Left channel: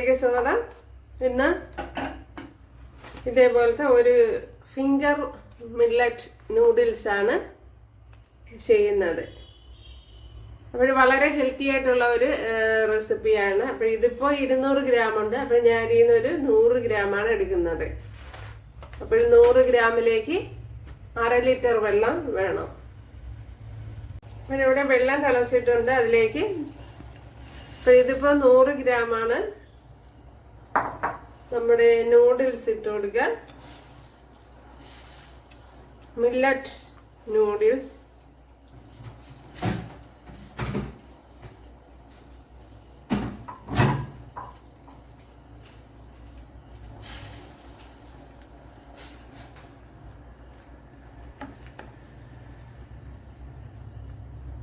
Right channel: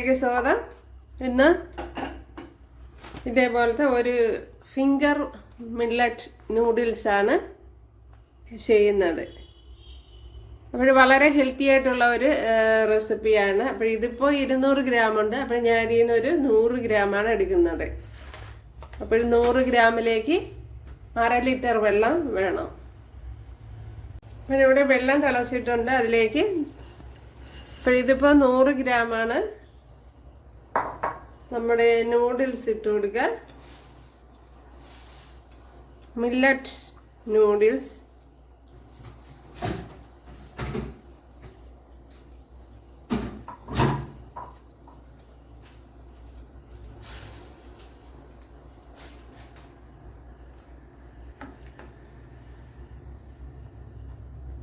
ചാനലിലേക്ക് സ്വാഗതം. ഇന്ന് ഇതേപോലത്തെ ഒരു ഫിംഗർ മില്ലറ്റ് നൂഡിൽസ് ആണ് ചെയ്യുന്നത്. അപ്പോൾ വളരെ ഹെൽത്തി ആയിട്ടുള്ള ഒരു റെസിപ്പിയാണ്. അപ്പോൾ ഇതിപ്പോൾ 200 ഗ്രാം ഉണ്ട്. അപ്പോൾ ഞാൻ ഇതിനൊരു 100 ഗ്രാമാണ് എടുക്കുന്നത്. അപ്പോൾ 100 ഗ്രാമിലേക്ക് 1/2 ലിറ്റർ വെള്ളം വേണം. ഇവിടെ വെള്ളം തിളച്ചിട്ടുണ്ട്. അതിലേക്ക് അപ്പോൾ ഇതിപ്പോൾ 100 ഗ്രാമാണ് നമ്മുടെ നൂഡിൽസ് ഇട്ട് കൊടുക്കുക. Millet noodles.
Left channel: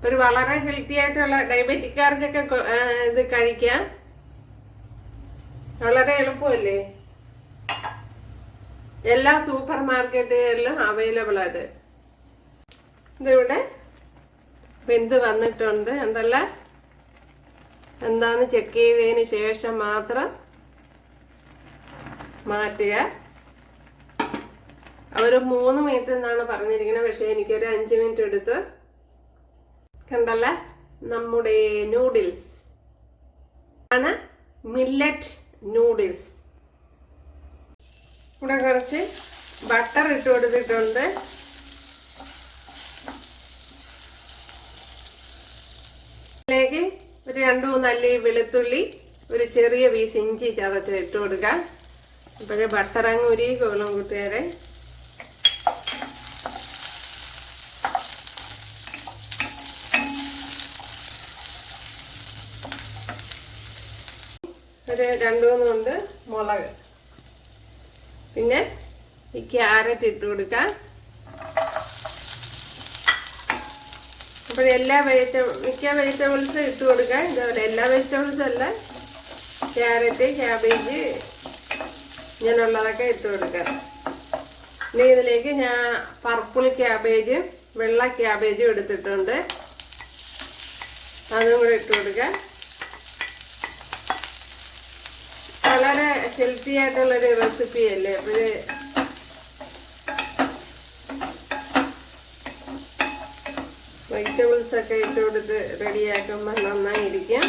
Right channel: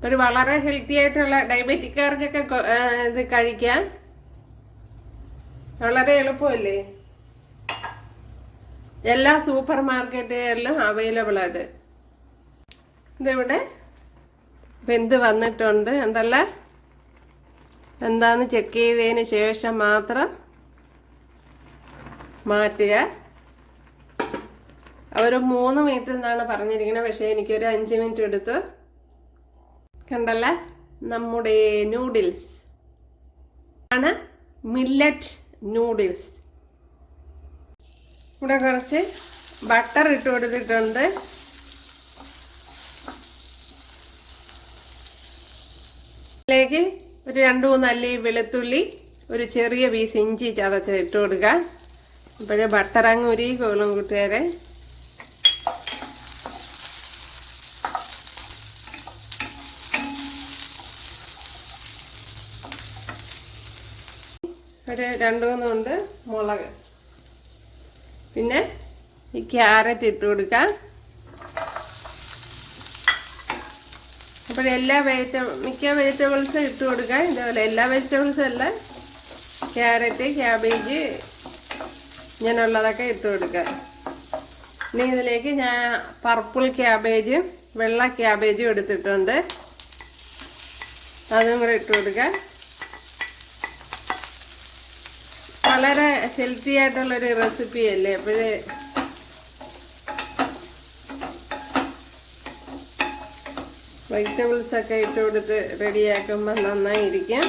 ഒരു വളരെ ഹെൽത്തി ആയിട്ടുള്ള ഡയബറ്റിക്കാർക്കൊക്കെ ഇത് കഴിക്കാം. വളരെ എളുപ്പമല്ലേ? എല്ലാ സൂപ്പർ മാർക്കറ്റുകളിലും അവൈലബിൾ അത്. ഇതിവിടെ വെന്ത് വന്നിട്ടുണ്ട്. ഉണ്ടല്ലോ, എന്താന്ന് ചെക്ക് ചെയ്തതിന് ശേഷം മാത്രം മാറ്റുക. ഒരു 3 മിനിറ്റ് എന്നാണ് പറഞ്ഞിരിക്കുന്നത്, പക്ഷെ എനിക്കൊരു 5 മിനിറ്റ് എടുത്ത്. കണ്ടല്ല, നമ്മുടെ നൂഡിൽസ് ആണ് മില്ലറ്റ് നൂഡിൽസ്. ഇവിടെ കുറച്ച് ബട്ടർ ഇട്ട് കൊടുത്തിട്ടുണ്ട്. ഇതിലേക്ക് ഒരു 2-3 അല്ലി വെളുത്തുള്ളി, ഒരു ചെറിയ പീസ് ഇഞ്ചി ചതച്ച് ഇട്ട് കൊടുക്കുക. അപ്പോഴേ ബട്ടർ അങ്ങ് ഉരുകിക്കോളും കൂട്ടുകാരെ. ഒരു 2-3 ഉണ്ട് മുളക്. പിന്നെ ഈ ക്യാരറ്റ് ഇട്ട് കൊടുക്കാം. അപ്പോൾ മിക്ക വെജിറ്റബിൾസും ഇട്ട് കൊടുക്കാം. ഇതേപോലെ എല്ലാ വെജിറ്റബിൾസും അല്ല, ക്യാരറ്റ്, ക്യാബേജ് ഇങ്ങനെയുള്ളതൊക്കെ ഇട്ട് കൊടുക്കാം. ഇനി ഇതിലേക്ക് ഞാൻ പർപ്പിൾ ക്യാബേജും വെള്ള ക്യാബേജും എടുത്തിട്ടുണ്ട്. അതും കൂടെ ഇട്ട് കൊടുക്കാം. വളരെ ഹെൽത്തി ആയിട്ടുള്ളൊരു റെസിപ്പി അല്ലേ? അപ്പോഴേ വെജിറ്റബിൾസ് ഒക്കെ ഇട്ട് കൊടുത്ത് റെഡിയാക്കുമ്പോൾ നന്നായിരിക്കും.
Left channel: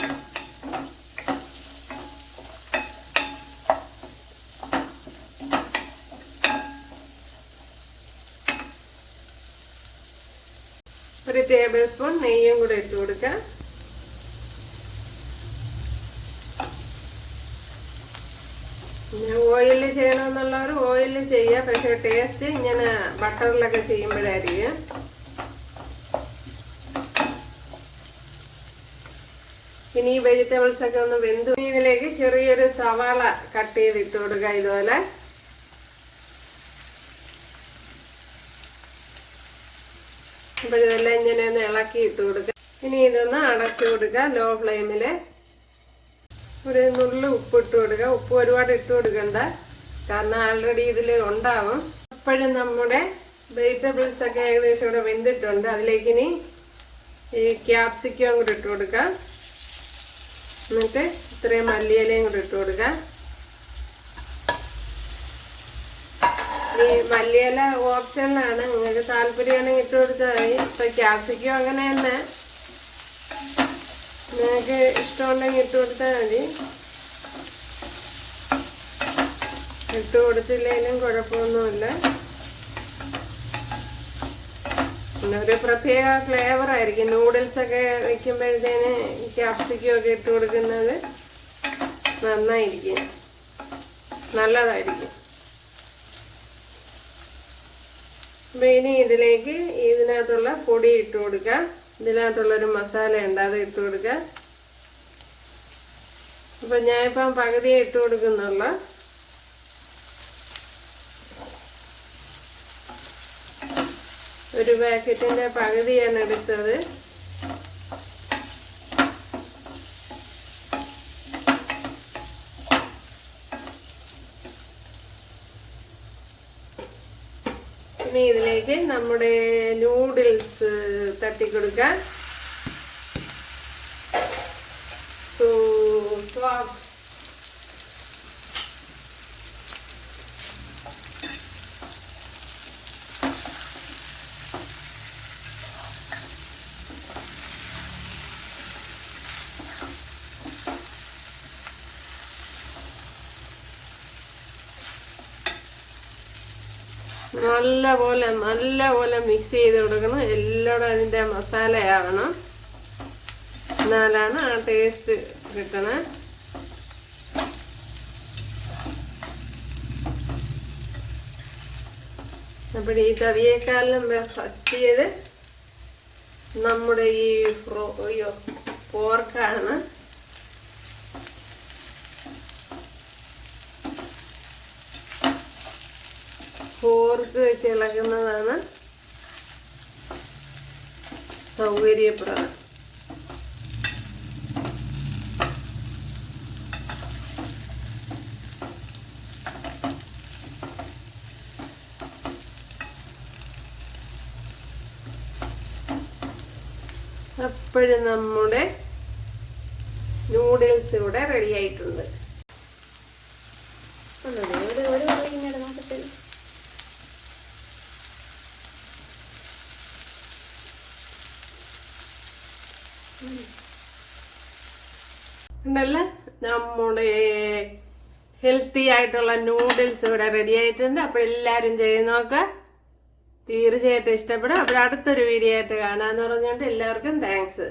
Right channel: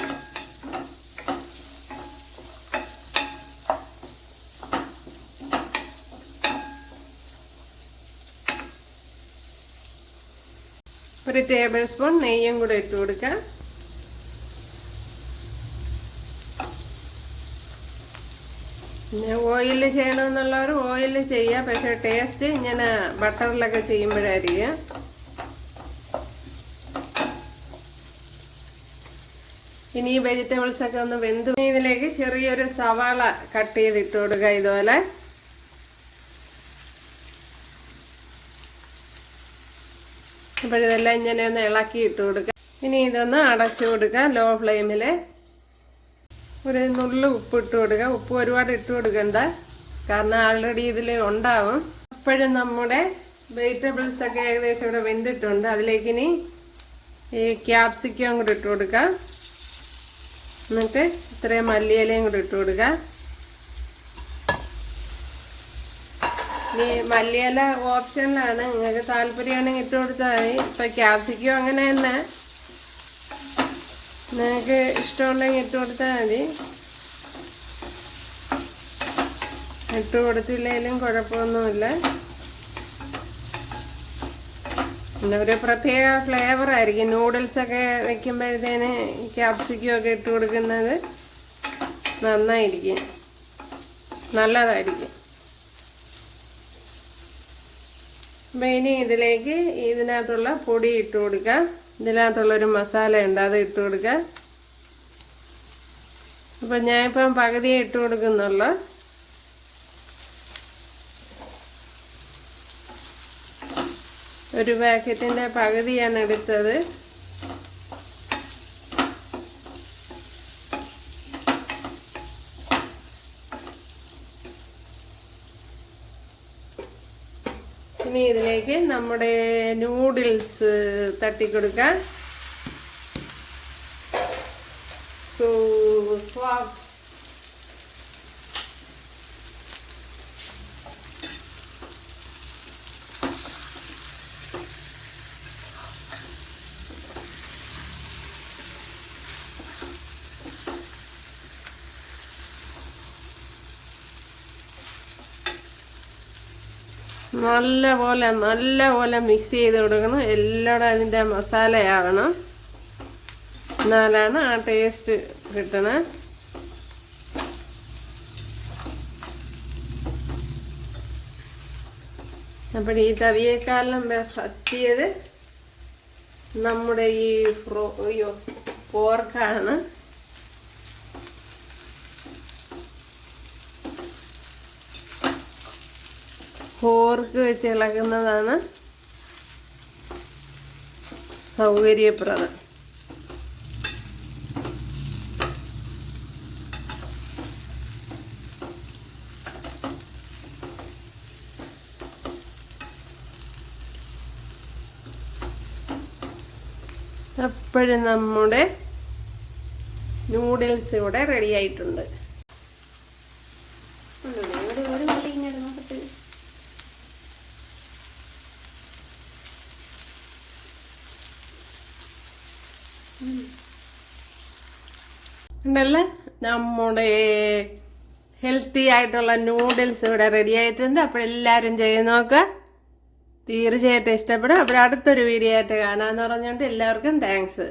ഒരു ടേബിൾ സ്പൂൺ നെയ്യും കൂടെ ഇട്ട് കൊടുക്കാം. ഓയിലിൽ ചെയ്യണമെന്നുള്ളവർ ഓയിലിൽ ചെയ്യുക, പക്ഷെ ടേസ്റ്റ് ഇങ്ങനെ ബട്ടറിലൊക്കെ ചെയ്യുമ്പോഴായിരിക്കും. ഇനി ഈ വെജിറ്റബിൾസ് ഒക്കെ ഒന്ന് വെന്തു. ഇതിലേക്ക് ചെറിയൊരു സവാള കട്ട് ചെയ്തിട്ട് കൊടുക്കുക. ഇതുപോലെ ഇപ്പോഴിതെല്ലാം ഇങ്ങനെ ഒന്ന് ഇളക്കി ഇട്ട് കൊടുക്കുക. ഇനി ഇതൊന്ന് അടച്ചു കൊടുക്കുക ലോ ഫ്ലെയിമില്. ഒരു നുള്ളു ഉപ്പ് ഇട്ട് കൊടുക്കുക. ഉപ്പ് ഒരുപാട് ഇട്ട് കൊടുക്കണ്ട, കാരണം ആൾറെഡി ഇതിൽ ഉണ്ടാവും. അപ്പോഴും നമ്മുടെ വെജിറ്റബിൾസ് ഒക്കെ ഏകദേശം ഇവിടെ വെന്തിട്ടുണ്ട്. അതിലേക്ക് ഇനി ഈ ക്യാപ്സിക്കം കൂടെ ഇട്ട് കൊടുക്കാം. എന്നിട്ട് ഇത്രയും മല്ലിയിലയും കൂടെ ഇട്ട് കൊടുക്കാം. ഈ മല്ലിയില ഓപ്ഷനിലാണ്, നിങ്ങൾക്ക് താല്പര്യമാണെങ്കിൽ ഇട്ട് കൊടുത്താൽ മതി. ഇപ്പം ക്യാപ്സിക്കം അങ്ങനെ തന്നെ നിങ്ങൾക്ക് ഇഷ്ടമുണ്ടെങ്കിൽ ഇട്ട് കൊടുത്താൽ മതി. ഇട്ട് കൊടുത്തില്ലെങ്കിലും കുഴപ്പമൊന്നുമില്ല. പിന്നെ ഒരു പ്രത്യേക ഫ്ലേവർ ആയിരിക്കും. നൂഡിൽസൊക്കെ വെക്കുമ്പോഴത്തേന് ക്യാപ്സിക്കം ഒക്കെ ഇട്ട് കൊടുക്കുന്നത് നന്നായിരിക്കും, നല്ലതായിരിക്കും. അപ്പം ഇനി ഇതിലേക്ക് ഇതിനകത്തുള്ള പൊടി ഇട്ട് കൊടുക്കാം. ഇതിനകത്തുള്ളൊരു മസാല ഉണ്ട്, അത് ഇട്ട് കൊടുക്കാം. അപ്പം ഞാനിപ്പം പകുതിയെ ഇട്ട് കൊടുക്കുന്നുള്ളൂ. ഒരു പാക്കറ്റിൻ്റെ പകുതിയാണ് എടുത്തത്. ഇനി ഇതിലേക്ക് നമ്മുടെ നൂഡിൽസ് തട്ടിക്കൊടുക്കാം. So നല്ലപോലെ മിക്സ് ചെയ്ത് കൊടുക്കണം. എല്ലായിടും അതിൻ്റെ മസാലയാവണം, എന്നാലാണ് ആ ടേസ്റ്റ് കിട്ടണേ. അപ്പോൾ ഈ തവിയേക്കാളും പറ്റിയത് നമ്മുടെ ഈ പോർക്കാണ്. പോർക്ക് വെച്ച് ഇളകുന്നതാണ് സൗകര്യപ്രദം. അപ്പോഴും നമ്മുടെ നൂഡിൽസ് ഇവിടെ റെഡി ആയിട്ടുണ്ട്. ഉണ്ടല്ലേ, നമ്മുടെ ഹെൽത്തി ആയിട്ടുള്ള നൂഡിൽസ് ഇവിടെ റെഡി ആയിട്ടുണ്ട്. അപ്പോഴെല്ലാവരും ചെയ്ത് നോക്കുക, തീർച്ചയായിട്ടും ഇഷ്ടപ്പെടും. അപ്പോൾ അടുത്തൊരു വീഡിയോ ആയിട്ട് കാണാമെന്ന് പറഞ്ഞുകൊണ്ട് എല്ലാവർക്കും താങ്ക്സ്.